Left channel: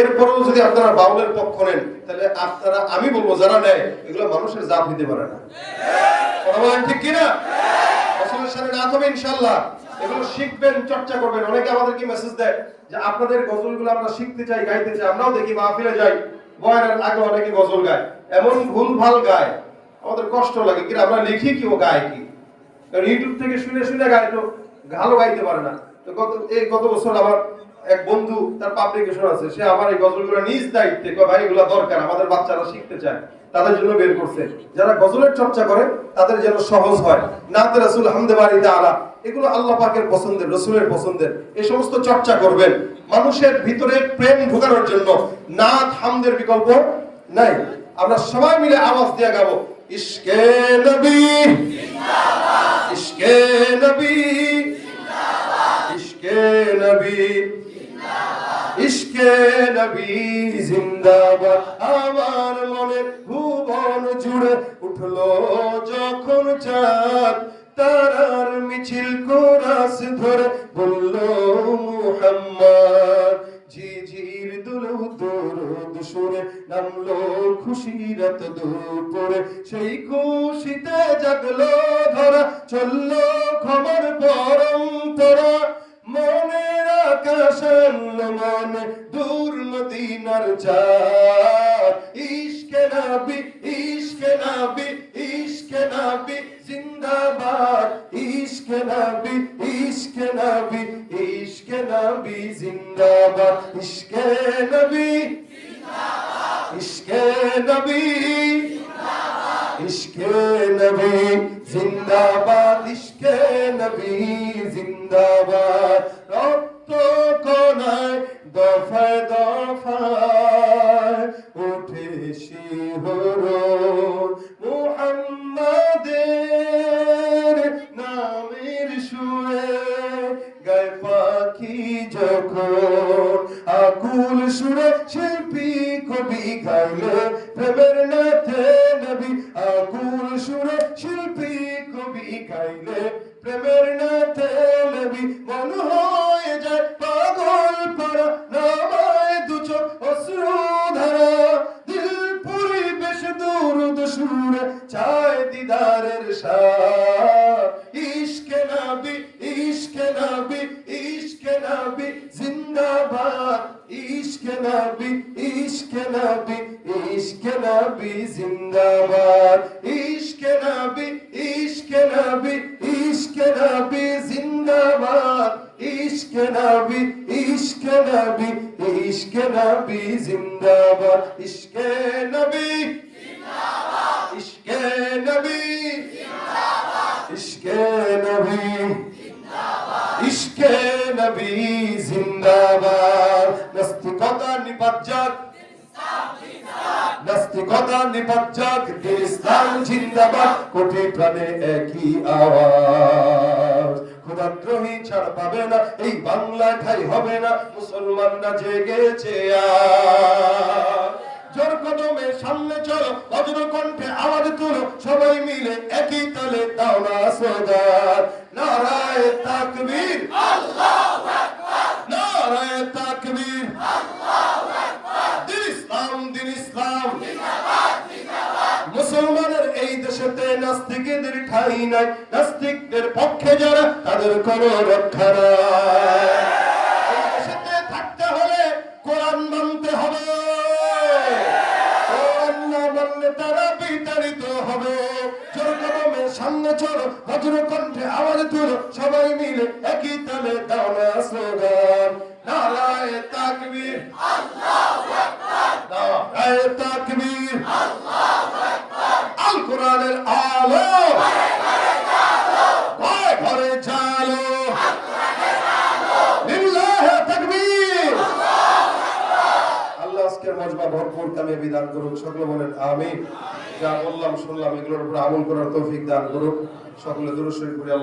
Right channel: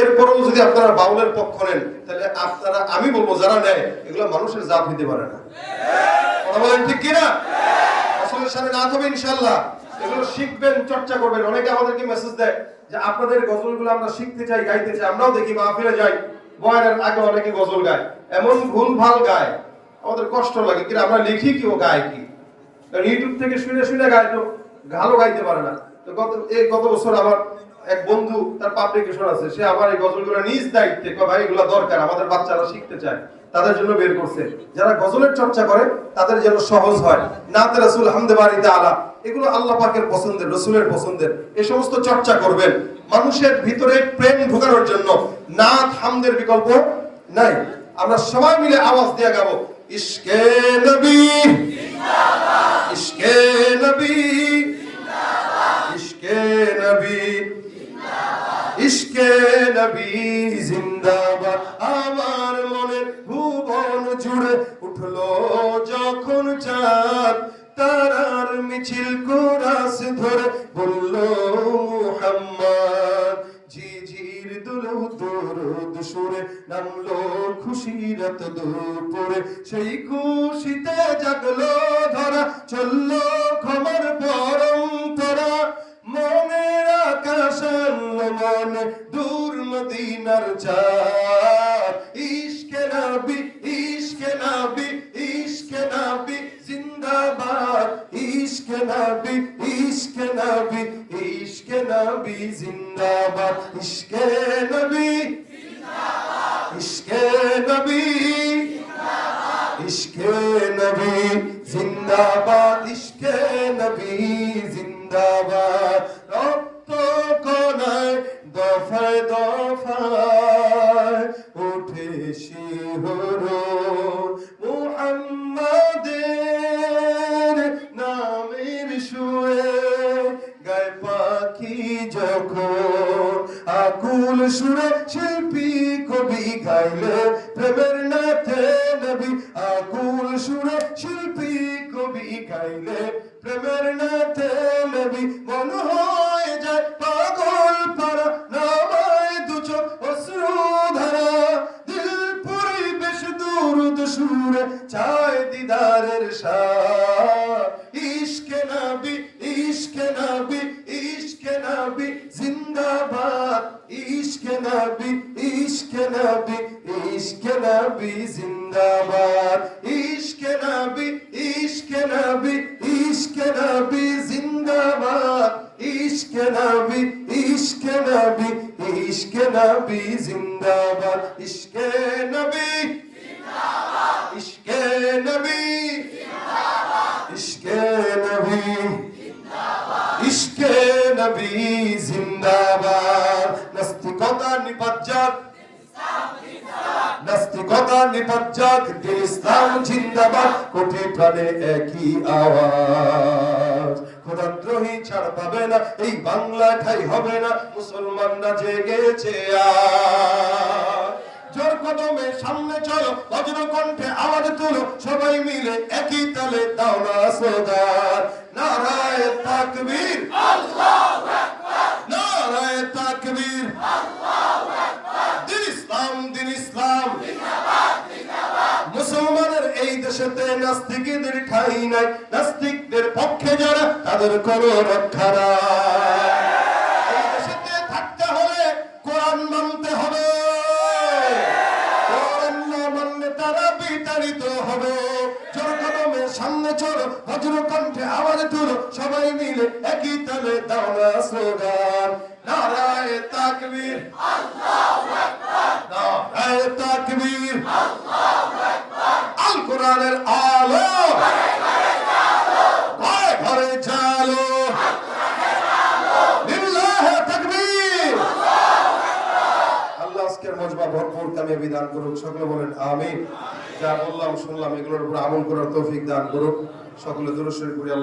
এরপরেও যদি আপনারা বাউলের পক্ষ নেন, তাহলে আপনারা, আমি বলবো যারা নেয়, এগুলো মানুষের জাত হইতে পারে না। কথা বলেন ঠিক কিনা? রাসূলের সামনে না হবে ইনশাআল্লাহ। এগুলো শিখবেন, চর্চা করবেন। অনেকে আমাদেরকে মেসেজ দেয় যে আপনাদের গজলগুলো আমরা শিখতে চাই, গাইতে চাই। আমরাও দেখি মাহফিলে যাই, বয়ানের আগে অনেকে গজল গায়, এমন ভুলভাল গায়, আমাদের কষ্ট লাগে। কিন্তু আমরা লিখি কি, ও গায় কি? কারণ ইউটিউব থেকে শুনে শুনে গায়, তো ভালো গাইতে পারে না। তো গত বছর আমার এক বন্ধু, তার পাবলিকেশন আছে, সে আমার এই গজলগুলো নিজ দায়িত্বে, ভাই এগুলো দরকার, আমাদের বাচ্চারা শিখতে চায়, তাদের জন্য বের করছে। যারা গজলের চর্চা করে তাদের যেন সহজ হয়। নাতে রাসূল, হামদে বাড়ি তাআলা, এগুলো আল্লাহ পাকের পছন্দের, রাসূলের পছন্দের। এই সমস্ত চর্চা করবেন মানুষের ভিতরে প্রেম ঢোকানোর জন্য। নাত হামদের বিকল্প নাই। আমরা সবাই মিলে আওয়াজ দিয়ে গাবো, ইশকে নবী জিন্দাবাদ, ইশকে নবী জিন্দাবাদ, ইশকে নবী জিন্দাবাদ, ইশকে নবী জিন্দাবাদ। আমার মনে ভুবন জুড়ে উঠলো যখন চাঁদ, তারার মিছিল কোরাস ধরে বলল মুহাম্মদ। ঝিঝির দুলু দরুদ সুরে নামলো খুশিরত দুপুরে, সেই খুশিতে জাগলো ধরা, চললো ক্ষমার পরম্পরা। মনের আকাশে মনে দূর মদিনার চাঁদ, ইশকে নবী, ইশকে নবী, ইশকে নবী জিন্দাবাদ, ইশকে নবী, ইশকে নবী, ইশকে নবী জিন্দাবাদ, ইশকে নবী জিন্দাবাদ, ইশকে নবী জিন্দাবাদ, ইশকে নবী জিন্দাবাদ, ইশকে নবী জিন্দাবাদ। রক্ত কণায় দফায় দফায় উঠে শিহরণ, মুহাম্মাদের নামের সুরে গায় পাখি যখন, আকুল সুরে শিল্পী কবি গাইলে প্রেমের নাথে নবী। আকুল সুরে শিল্পী কবি গাইলে প্রেমের নাথে নবী। মন হয়ে যায় পাগল পারা, নামায় দু চোখ অশ্রু ধারা, দিল পরিবেশ দুরুদ সুরে চায় দিদারের সাথ। ইশকে নবী, ইশকে নবী, ইশকে নবী জিন্দাবাদ, ইশকে নবী, ইশকে নবী, ইশকে নবী জিন্দাবাদ, ইশকে নবী, ইশকে নবী, ইশকে নবী জিন্দাবাদ, ইশকে নবী, ইশকে নবী, ইশকে নবী জিন্দাবাদ, ইশকে নবী জিন্দাবাদ, ইশকে নবী জিন্দাবাদ, ইশকে নবী জিন্দাবাদ, ইশকে নবী জিন্দাবাদ। নাস্তিকতা নিপাত যাক, নাস্তিকতা নিপাত যাক, দিন ইসলাম জিন্দাবাদ। কোটি প্রাণে একই আওয়াজ, খোদাদ্রোহী ছাড় পাবে না, এই বাংলা ঠাই হবে না, মুসলমানরা জেগেছে আজ। জোর কদমে সামনে চলো, বজ্র কণ্ঠে আওয়াজ তুলো, সবাই মিলে একই তালে দাও না স্লোগান, নারায়ে তাকবীর, আল্লাহু আকবার, নারায়ে তাকবীর, আল্লাহু আকবার, দিন ইসলাম, দিন ইসলাম জিন্দাবাদ, জিন্দাবাদ। মুসলমানের এই দেশেতে নাস্তিকদের ঠাঁই নাই, নাস্তিকদের পক্ষে যারা তাদের কোনো রক্ষা নাই। এই দেশেতে থাকতে হলে কোরআন মানতে হবে, কোরআন না মানলে তারা বিতাড়িত হবে। জোর কদমে সামনে চলো, বজ্র কণ্ঠে আওয়াজ তুলো, সবাই মিলে একই তালে দাও না স্লোগান, নারায়ে তাকবীর, আল্লাহু আকবার, নারায়ে তাকবীর, আল্লাহু আকবার। আল কোরআনের আলো ঘরে ঘরে জালো, ঘরে ঘরে জালো, আল কোরআনের আলো, লিল্লাহি তাকবীর, আল্লাহু আকবার। আল্লাহ আজকের মজমা ভরপুর কামিয়াবি দান করুক, সকলে বলেন আমিন। যা বললাম শুনলাম এগুলোর উপর আমল করার তৌফিক দান করুক। সকলে দুরূদ শরীফ পড়ি। আল্লাহ